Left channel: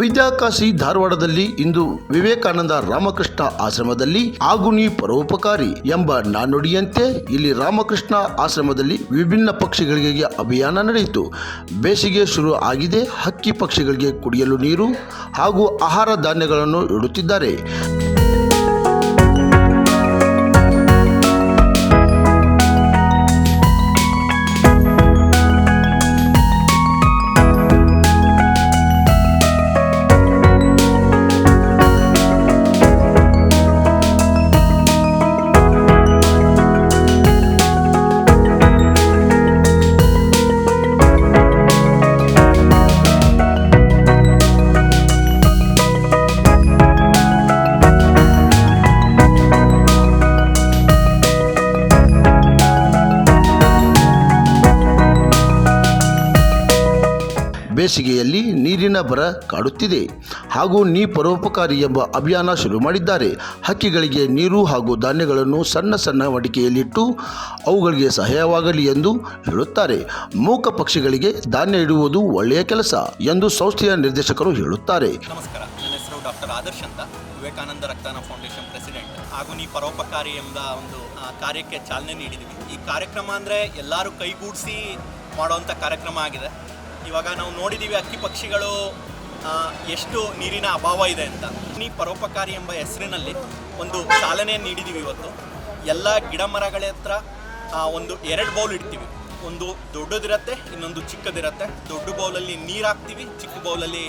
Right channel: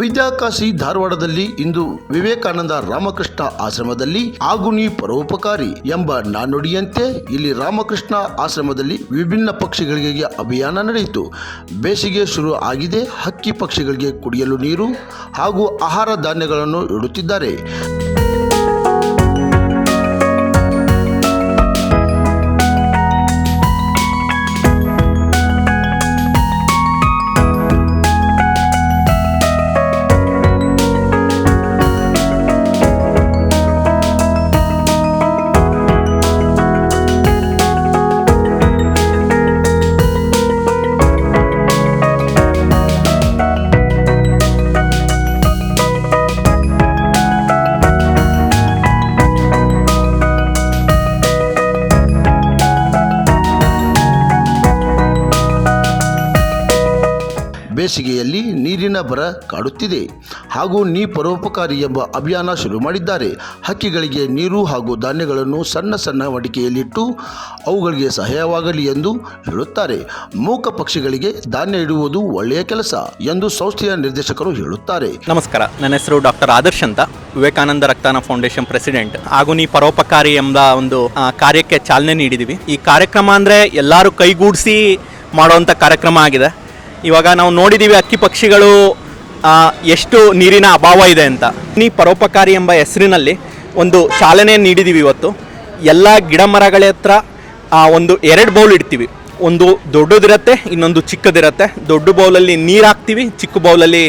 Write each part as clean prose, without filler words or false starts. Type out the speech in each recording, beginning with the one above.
ವಿದ್ಯಾಕಾಶಿ ಧಾರವಾಡದಲ್ಲಿ ಇಂದು ವಿವೇಕಾನಂದ ರಾಮಕೃಷ್ಣ ಆಶ್ರಮದಲ್ಲಿ ಆಗುನಿ ಪರೋಪಕಾರಿ ಎಂಬ ನಾಣ್ಣುಡಿಯಂತೆ ಇಲ್ಲಿ ರಾಮಕೃಷ್ಣ ಆಶ್ರಮದಲ್ಲಿ ವಿಭಿನ್ನ ಪಕ್ಷಿಗಳಿಗೆ ಅಭಿಯಾನ ನಡೆಯಿತು. ಬೇಸಿಗೆ ಶುರು ಆಗಿದೆ. ಹಕ್ಕಿ ಪಕ್ಷಿಗಳಿಗೆ ಕುಡಿಯಲು ನೀರು ಹಾಗೂ ಆಹಾರ ಧಾನ್ಯಗಳನ್ನು ಇಡುತ್ತಿದ್ದಾರೆ. ಬೇಸಿಗೆಯಲ್ಲಿ ನೀರಿನ ಬರ ಕಾಡುತ್ತಿದೆ ಹಾಗೂ ನೀ ಪರೋಪಕಾರಿ ಎಂಬ ಅಭಿಯಾನ ಶುರು ಮಾಡಿದ್ದಾರೆ. ಹಕ್ಕಿಗಳಿಗೆ ನೀರು ಹಾಗೂ ಧಾನ್ಯಗಳನ್ನು ಸಣ್ಣ ಸಣ್ಣ ಮಡಿಕೆಯಲ್ಲಿಟ್ಟು ಅವುಗಳಿಗೆ ಸಹಾಯವಾಗಲಿ ಎಂದು ಹೇಳುತ್ತಾರೆ. ಮೂಕ ಪಕ್ಷಿಗಳಿಗೆ ಧಾನ್ಯ ಇಡುವುದು ಒಳ್ಳೆಯ ಕೆಲಸ ಎಂದು ಸಂಸ್ಥೆಯ ನಿರ್ದೇಶಕರು ಹೇಳುತ್ತಾರೆ. ನಮಸ್ಕಾರ, ನನ್ನ ಹೆಸರು ಡಾಕ್ಟರ್ ಆದರ್ಶ್ ಅಂತ, ವಿವೇಕಾನಂದ ರಕ್ತದಾನ ಫೌಂಡೇಶನ್ ಪ್ರೆಸಿಡೆಂಟ್. ಹಾಗೂ ನೀ ಪರೋಪಕಾರಿ ಎಂಬ ಒಂದು ಕಾರ್ಯಕ್ಕೆ ಚಾಲನೆ ನೀಡಿದ್ದೀವಿ. ಈ ಕಾರ್ಯಕ್ರಮ ಅಂದರೆ ಎಲ್ಲರೂ ಕೈಗೂಡಿಸಿ ಮಾಡುವಂಥ ಕಾರ್ಯಕ್ರಮ ಆಗಿದೆ. ಇವಾಗ ನಾವು ನೋಡಿದ್ದೀವಿ ಹಕ್ಕಿ ಪಕ್ಷಿಗಳು ಎಷ್ಟು ನೀರಿನ ಅಭಾವ ಇದೆ ಅಂತ. ನೀ ಪರೋಪಕಾರಿ ಎಂಬ ಹೆಸರಿನಲ್ಲಿ ಒಂದು ಚಾಲನೆ ನೀಡಿದ್ದೀವಿ. ಇವತ್ತು ಎಲ್ಲ ಗಿಡ ಮರಗಳ ಹತ್ರ ಒಂದು 2 ಬೌಲ್ ಇಡ್ತೀವಿ. ಒಂದು ದೊಡ್ಡದಿರುತ್ತೆ, ಇನ್ನೊಂದು ಚಿಕ್ಕದಿರುತ್ತೆ. ದೊಡ್ಡ ಬೌಲಲ್ಲಿ ನೀರು ಹಾಕ್ತೀವಿ, ಚಿಕ್ಕ ಬೌಲಲ್ಲಿ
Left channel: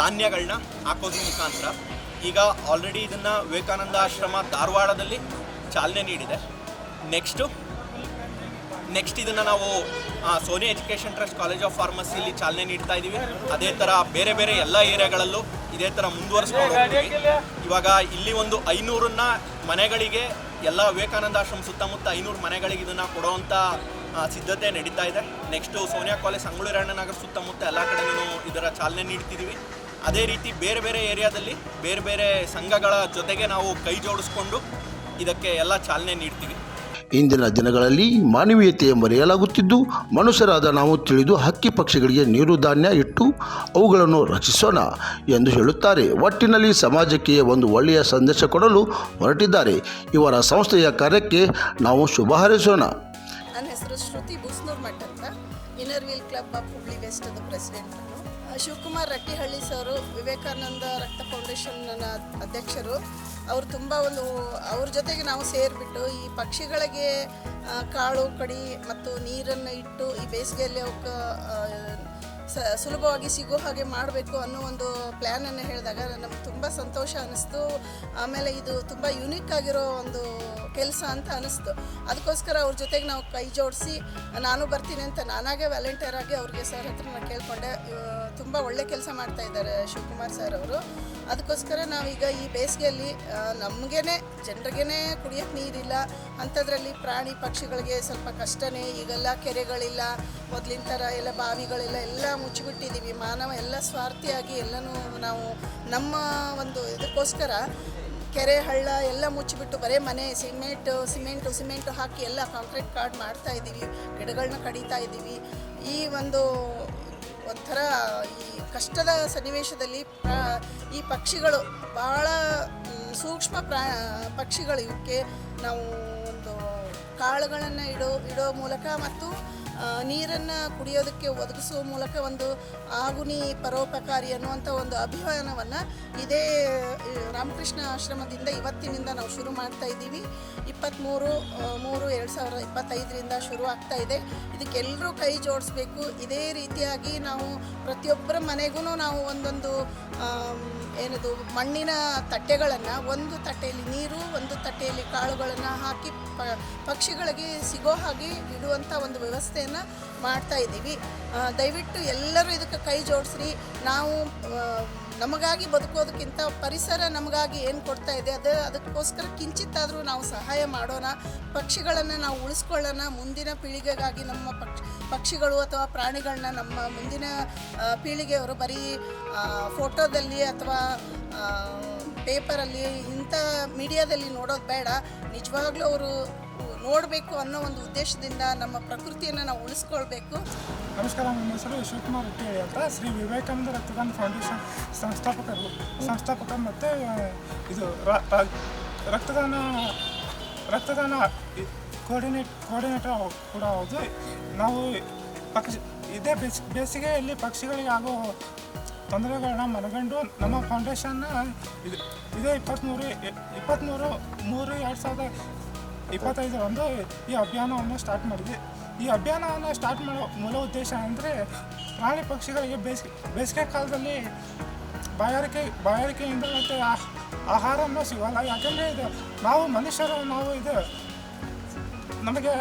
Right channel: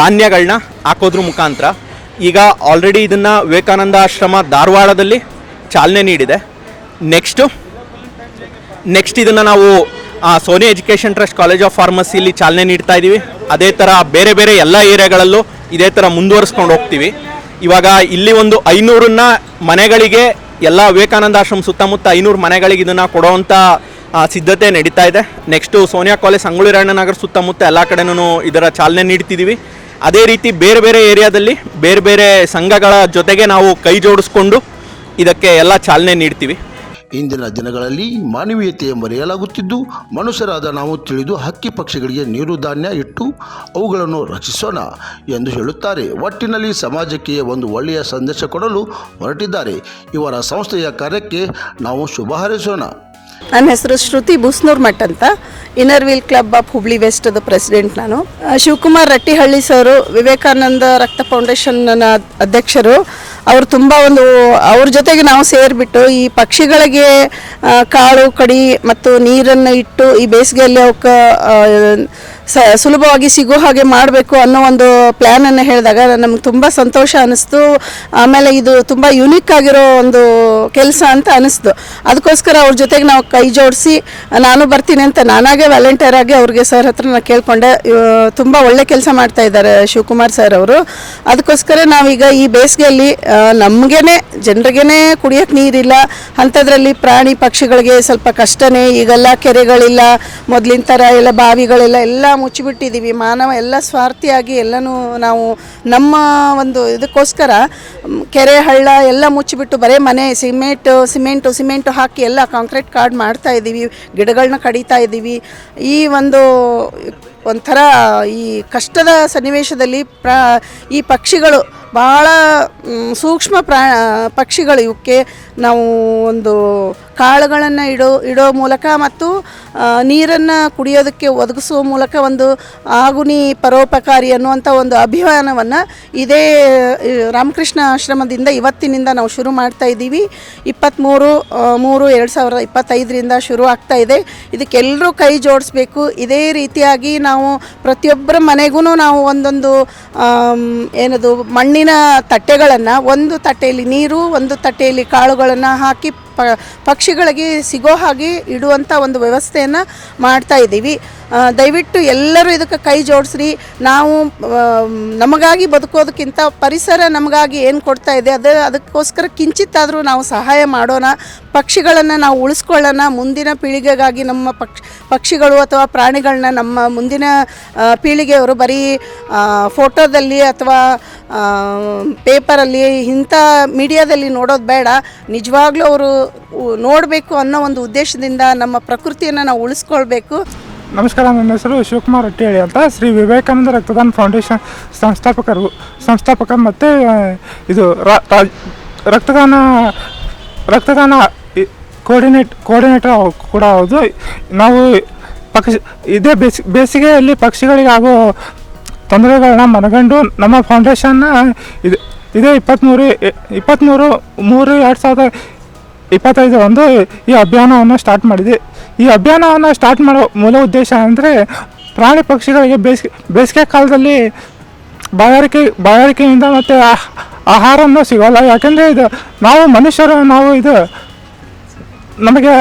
ಧಾನ್ಯಗಳನ್ನ ಹಾಕೋದ್ರ ಮುಖಾಂತರ ಈಗ ಆಲ್ರೆಡಿ ಇದನ್ನು ವಿವೇಕಾನಂದ ಆಶ್ರಮ ಧಾರವಾಡದಲ್ಲಿ ಚಾಲನೆ ನೀಡಿದೆ. ನೆಕ್ಸ್ಟ್ ಇದನ್ನು ನಾವು Soni education trust college of ಫಾರ್ಮಸಿಯಲ್ಲಿ ಚಾಲನೆ ನೀಡ್ತಾ ಇದ್ದೀವಿ. ಅದೇ ಥರ ಬೇರೆ ಬೇರೆ ಎಲ್ಲ ಏರಿಯಾಗಳಲ್ಲೂ ಇದೇ ಥರ ಮುಂದುವರಿಸ್ಕೊಂಡು ಹೋಗ್ತೀವಿ. ಇವಾಗ ಇಲ್ಲಿ ಒಂದು 500 ಮನೆಗಳಿಗೆ, ಎಲ್ಲ ವಿವೇಕಾನಂದ ಆಶ್ರಮ ಸುತ್ತಮುತ್ತ 500 ಮನೆಗಳಿಗೆ ಇದನ್ನು ಕೊಡೋವಂಥ ಸಿದ್ಧತೆ ನಡೀತಾ ಇದೆ. ನೆಕ್ಸ್ಟು ಸೋನಿಯಾ ಕಾಲೇಜ್ ಸಂಗೊಳ್ಳಿ ನಗರ ಸುತ್ತಮುತ್ತ ಎಲ್ಲ ಕಡೆನೂ ಇದರ ಚಾಲನೆ ನೀಡ್ತಿದ್ದೀವಿ. ಅದೇ ರೀತಿ ಬೇರೆ ಬೇರೆ ಏರಿಯಾದಲ್ಲಿ ಬೇರೆ ಬೇರೆ ಸಂಘಗಳ ಜೊತೆಗೆ ನಾವು ಕೈ ಜೋಡಿಸ್ಕೊಂಡು ಇದಕ್ಕೆ ಎಲ್ಲ ಚಾಲನೆ ನೀಡ್ತೀವಿ. ಇಂದಿನ ದಿನಗಳಲ್ಲಿ ಮಾನವೀಯತೆಯ ಮರೆಯಲಾಗುತ್ತಿದ್ದು, ಮನುಷ್ಯರಾದ ನಾವು ತಿಳಿದು ಹಕ್ಕಿ ಪಕ್ಷಿಗಳಿಗೆ ನೀರು ಧಾನ್ಯ ಇಟ್ಟು ಅವುಗಳನ್ನು ರಕ್ಷಿಸೋಣ ಎಂದು ಹೇಳುತ್ತಾರೆ. ಒಟ್ಟಿನಲ್ಲಿ ಸಮಾಜಕ್ಕೆ ಒಂದು ಒಳ್ಳೆಯ ಸಂದೇಶ ಕೊಡಲು ಹೊರಟಿದ್ದಾರೆ. ಇವರ ಸಂಸ್ಥೆಯ ಕಾರ್ಯಕ್ಕೆ ನಾವು ಶುಭ ಹಾರೈಸೋಣ. ನನ್ನ ಹೆಸರು ಶ್ರುತಿ ಬೂಸ್ನೂರ್ ಮಠ್ ಅಂತ, inner wheel club of Hubli ವೆಸ್ಟ್ದ ಪ್ರೆಸಿಡೆಂಟ್ ನಾನು. ಶಿವಕುಮಾರ್ ರಟ್ಟಿಹಳ್ಳಿ ಸರು ವಿವೇಕಾನಂದ ರಕ್ತ ಫೌಂಡೇಶನ್ನ ಅಧ್ಯಕ್ಷರು. ಅವರು ತುಂಬ ಅವ್ರ ಜೊತೆಗೆ ನಾವು ಸೇರಿಬಿಟ್ಟು ಈ ಪಕ್ಷಿಗಳಿಗೆ ಕಾಳು ಕಡಿ ಮತ್ತು ನೀರನ್ನು ಇಟ್ಟು ಈ ಬೇಸಿಗೆಯಲ್ಲಿ ಅವಕ್ಕೆ ಸುಲಭವಾಗಿ ಸಿಗೋ ಹಾಗೆ ಮಾಡಬೇಕು ಅನ್ನೋ ಒಂದು ಪ್ಲ್ಯಾನನ್ನು ಹೇಳಿದಾಗ ನಮ್ಗೆ ತುಂಬ ಸಂತೋಷ ಅನ್ನಿಸ್ತು. ಆಮೇಲೆ ಇದು ತುಂಬ ಯುನೀಕ್ ಆಗಿರೋ ಒಂದು ಕೆಲಸ ಅಂತ ಅನ್ನಿಸ್ತು. ಅದಕ್ಕೋಸ್ಕರ ಅವ್ರ ಜೊತೆಗೆ ನಾವು ಕೈ ಜೋಡಿಸಿ ನಾನು ಬರ್ತೀನಿ ಅಂತ ನಾನಾಗೆ ವ್ಯಾಲೆಂಟಿಯರ್ ಆಗಿ ಅವ್ರಿಗೆ ಸರ್ ಹತ್ರ ನಾನು ಕೇಳಿಕೊಂಡೆ. ತುಂಬ ಒಳ್ಳೆ ಕೆಲಸ ಮಾಡ್ತಾ ಇದ್ದಾರೆ ಶಿವಕುಮಾರ್ ಸರ್ ಅವರು. ಅದಕ್ಕೋಸ್ಕರ ನಾವೀಗ ಈ ಬೇಸಿಗೆಯಲ್ಲಿ ನಮಗೇನೆ ಜನರಿಗೇನೆ ಕುಡಿಯೋಕ್ಕೆ ನೀರಿಲ್ಲ ಅಂಥದ್ರಲ್ಲಿ ಪ್ರಾಣಿ ಪಕ್ಷಿಗಳಿಗೆ ಸ್ವಲ್ಪ ಕಷ್ಟನೇ. ಈಗೆಲ್ಲ ಕೆರೆಗಳಿಲ್ಲ, ಮೊದಲಿನ ಥರ ಎಲ್ಲ ಬಾವಿಗಳೆಲ್ಲ ಎಲ್ಲ ಮುಚ್ಚಿಬಿಟ್ಟಿದ್ದೀವಿ. ಮಾನವ ಎಲ್ಲ ಸ್ವಾರ್ಥಿಯಾಗಿ ಎಲ್ಲನೂ ನಾವು ನಮ್ಮ ಒಂದು ಇದಕ್ಕೋಸ್ಕರ ಕೆರೆ ಹಳ್ಳ ಎಲ್ಲ ಮುಚ್ಚಿಬಿಟ್ಟು ಬರೀ ಮನೆ ಸಿಮೆಂಟು ಹಾಕಿ ಎಲ್ಲ ಕಾಂಕ್ರೀಟ್ ಕಾರ್ಡ್ ಮಾಡ್ತಾ ಇದ್ದೀವಿ, ಗಿಡಗಳನ್ನ ಕಡಿತಾ ಇದ್ದೀವಿ. ಈ ಒಂಥರ ಈ ಕಷ್ಟದ ಸನ್ನಿವೇಶದಲ್ಲಿ ಈ ಪಕ್ಷಿಗಳು ಭಾಳ ಸೂಕ್ಷ್ಮ ಪಕ್ಷಿಗಳು. ಇವಕ್ಕೆ ನಾವು ಒಂದು ಕಾಳುಗಳನ್ನು ಇಡೋ ಮೂಲಕ ಮತ್ತು ನೀರನ್ನು ಕುಡಿಯೋದಕ್ಕೆ ಒದಗಿಸುವ ಮೂಲಕ ಒಂದು ಆಗುನಿ ಪರೋಪಕಾರಿ ಅನ್ನುವಂಥ ಒಂದು ಅಭಿಯಾನವನ್ನು ಇದೇ ರಾಮಕೃಷ್ಣ ಆಶ್ರಮದಿಂದ ಇವತ್ತಿನಿಂದ ನಾವು ಶುರು ಮಾಡ್ತಾ ಇದ್ದೀವಿ. 23/3/2025 ಶುರು ಆಗ್ತಾ ಇದೆ. ಇದಕ್ಕೆಲ್ಲರೂ ಕೈ ಜೋಡಿಸ್ಬೇಕು. ಇದೇ ರೀತಿಯಾಗಿ ನಾವು ಪ್ರತಿಯೊಬ್ಬರ ಮನೆಗೂ ನಾವು ಒಂದೊಂದು ಏನದು ಮಣ್ಣಿನ ತಟ್ಟೆಗಳನ್ನು, ಒಂದು ತಟ್ಟೆಯಲ್ಲಿ ನೀರು, ಒಂದು ತಟ್ಟೆಯಲ್ಲಿ ಕಾಳುಗಳನ್ನು ಹಾಕಿ ಪಕ್ಷಿಗಳಿಗೆ ಸಿಗೋ ಹಾಗೆ ಇಡುವಂಥ ಒಂದು ವ್ಯವಸ್ಥೆಯನ್ನು ಮಾಡ್ತಾ ಇದ್ದೀವಿ. ದಯವಿಟ್ಟು ಎಲ್ಲರೂ ಇದಕ್ಕೆ ಕೈ ಜೋಡಿಸ್ರಿ. ನಾವು ನಮಗಾಗಿ ಬದುಕೋದಕ್ಕಿಂತ ಪರಿಸರ ನಮಗಾಗಿ ಏನು ಕೊಡ್ತಾ ಇದೆ ಅದಕ್ಕೋಸ್ಕರ ಕಿಂಚಿತ್ತಾದರೂ ನಾವು ಸಹಾಯ ಮಾಡೋಣ. ಪಕ್ಷಿಗಳನ್ನು ನಾವು ಉಳಿಸ್ಕೊಳ್ಳೋಣ. ಮುಂದಿನ ಪೀಳಿಗೆಗಾಗಿ ನಮ್ಮ ಪಕ್ಷಿಗಳು ಅಥವಾ ಪ್ರಾಣಿಗಳನ್ನ ನಮ್ಮ ಮುಂದಿನ ಪೀಳಿಗೆಯವರು ಬರೀ ಫೋಟೋದಲ್ಲಿ ಅಥವಾ ಪೇಪರಲ್ಲಿ ಇಂಥ ಮೀಡಿಯಾದಲ್ಲಿ ನೋಡೋದು ಬೇಡ, ನಿಜವಾಗ್ಲೂ ಅವರು ನೋಡಬೇಕು ಅನ್ನೋ ಒಂದು ಉದ್ದೇಶದಿಂದ ನಮ್ಮ ಪ್ರಕೃತಿಯನ್ನು ನಾವು ಉಳಿಸ್ಕೊಳ್ಬೇಕು. ನಮಸ್ಕಾರ, ನನ್ನ ಹೆಸರು ಶಿವಕುಮಾರ್ ಹಟ್ಟಿಹಳ್ಳಿ ಅಂತ. ಶ್ರೀ ವಿವೇಕಾನಂದ ರಕ್ತದಾನ ಫೌಂಡೇಶನ್ ಸಂಸ್ಥಾಪಕ ಮತ್ತು ಇದು ರಕ್ತದಾನ ಕೋರ್ಡಿನೇಟರ್ ಕೂಡ ಹೌದು. ನಾವು ಇದೇ ಬೇಸಿಗೆಯಲ್ಲಿ ಪಕ್ಷಿಗಳಿಗೆ ಆಗೋ ತೊಂದರೆಗಳನ್ನ ಮನಗಂಡು ನಮ್ಮ ಫೌಂಡೇಶನ್ನ ಇದೇ 23/3/2025 ಒಂದು ಈ ಅಭಿಯಾನವನ್ನು ಸ್ಟಾರ್ಟ್ ಮಾಡಿದೆ. ಈ ಅಭಿಯಾನವನ್ನು ಸ್ಟಾರ್ಟ್ ಮಾಡೋ ಮೂಲ ಉದ್ದೇಶ ಅಂದರೆ ಪ್ರಾಣಿ ಪಕ್ಷಿಗಳಿಗೆ ಬೇಸಿಗೆ ಕಾಲದಲ್ಲಿ ಬಾಯಾರಿಕೆಯಿಂದ ಮತ್ತು ಆಹಾರನೂ ಸಿಗೋಲ್ಲ. ಯಾಕೆಂದರೆ ಇದು ನಾವು ಮನುಷ್ಯರು ನಮಗೆ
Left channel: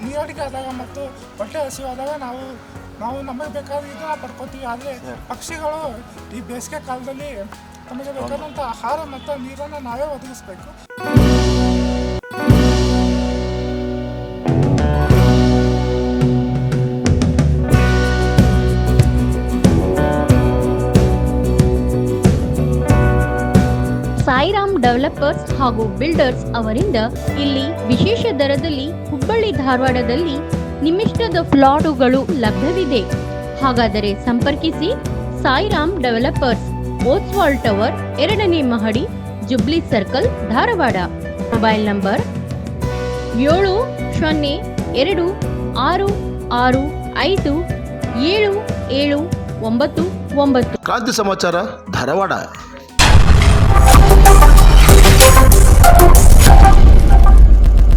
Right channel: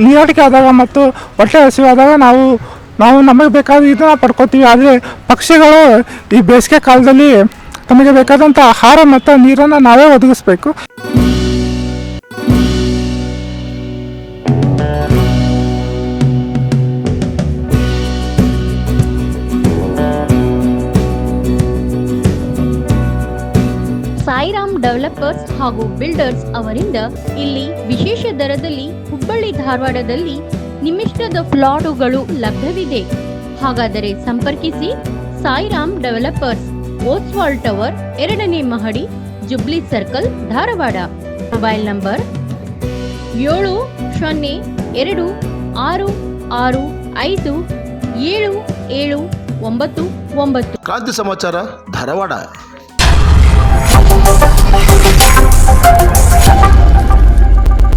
ನೀರಾಡಿಕೆ ಆದಾಗ ಮತ್ತು ಹೊಟ್ಟೆ ಹಸಿವಾದಾಗ ನಾವು ನಮಗೆ ಬೇಕಾದ ಇದನ್ನು ಪಡ್ಕೋತೀವಿ. ಆದರೆ ಪಕ್ಷಿಗಳು ಈ ಬೇಸಿಗೆ ಕಾಲದಲ್ಲಿ ತಮಗೆ ಬೇಕಾದಂಥ ಆಹಾರ ಮತ್ತು ನೀರನ್ನು ನಾವೇ ಒದಗಿಸ್ಬೇಕು. ಸಾಯಿರಾಮ್ ಡೆವಲಪರ್ಸ್ ಹಾಗೂ ಬಿಲ್ಡರ್ಸ್ ಅವರಿಂದ ಇಲ್ಲಿ ವಿಶೇಷ ದರದಲ್ಲಿ ಹುಬ್ಬಳ್ಳಿ ಧಾರವಾಡದಲ್ಲಿ ನಿಮ್ಮಿಷ್ಟದ ಫ್ಲಾಟುಗಳು ಲಭ್ಯವಿದೆ. ಹಾಗಾದರೆ ಸಂಪರ್ಕಿಸಿ ಸಾಯಿರಾಮ್ ಡೆವಲಪರ್ಸ್, ಓಸ್ವಾಲ್ ಟವರ್, 2ನೇ ಮಹಡಿ, jubilee circle, Dharwad. Mobile number 7026657799. ಕ್ರಾಂತಿ ಸಮಾಚಾರ ಧಾರವಾಡ.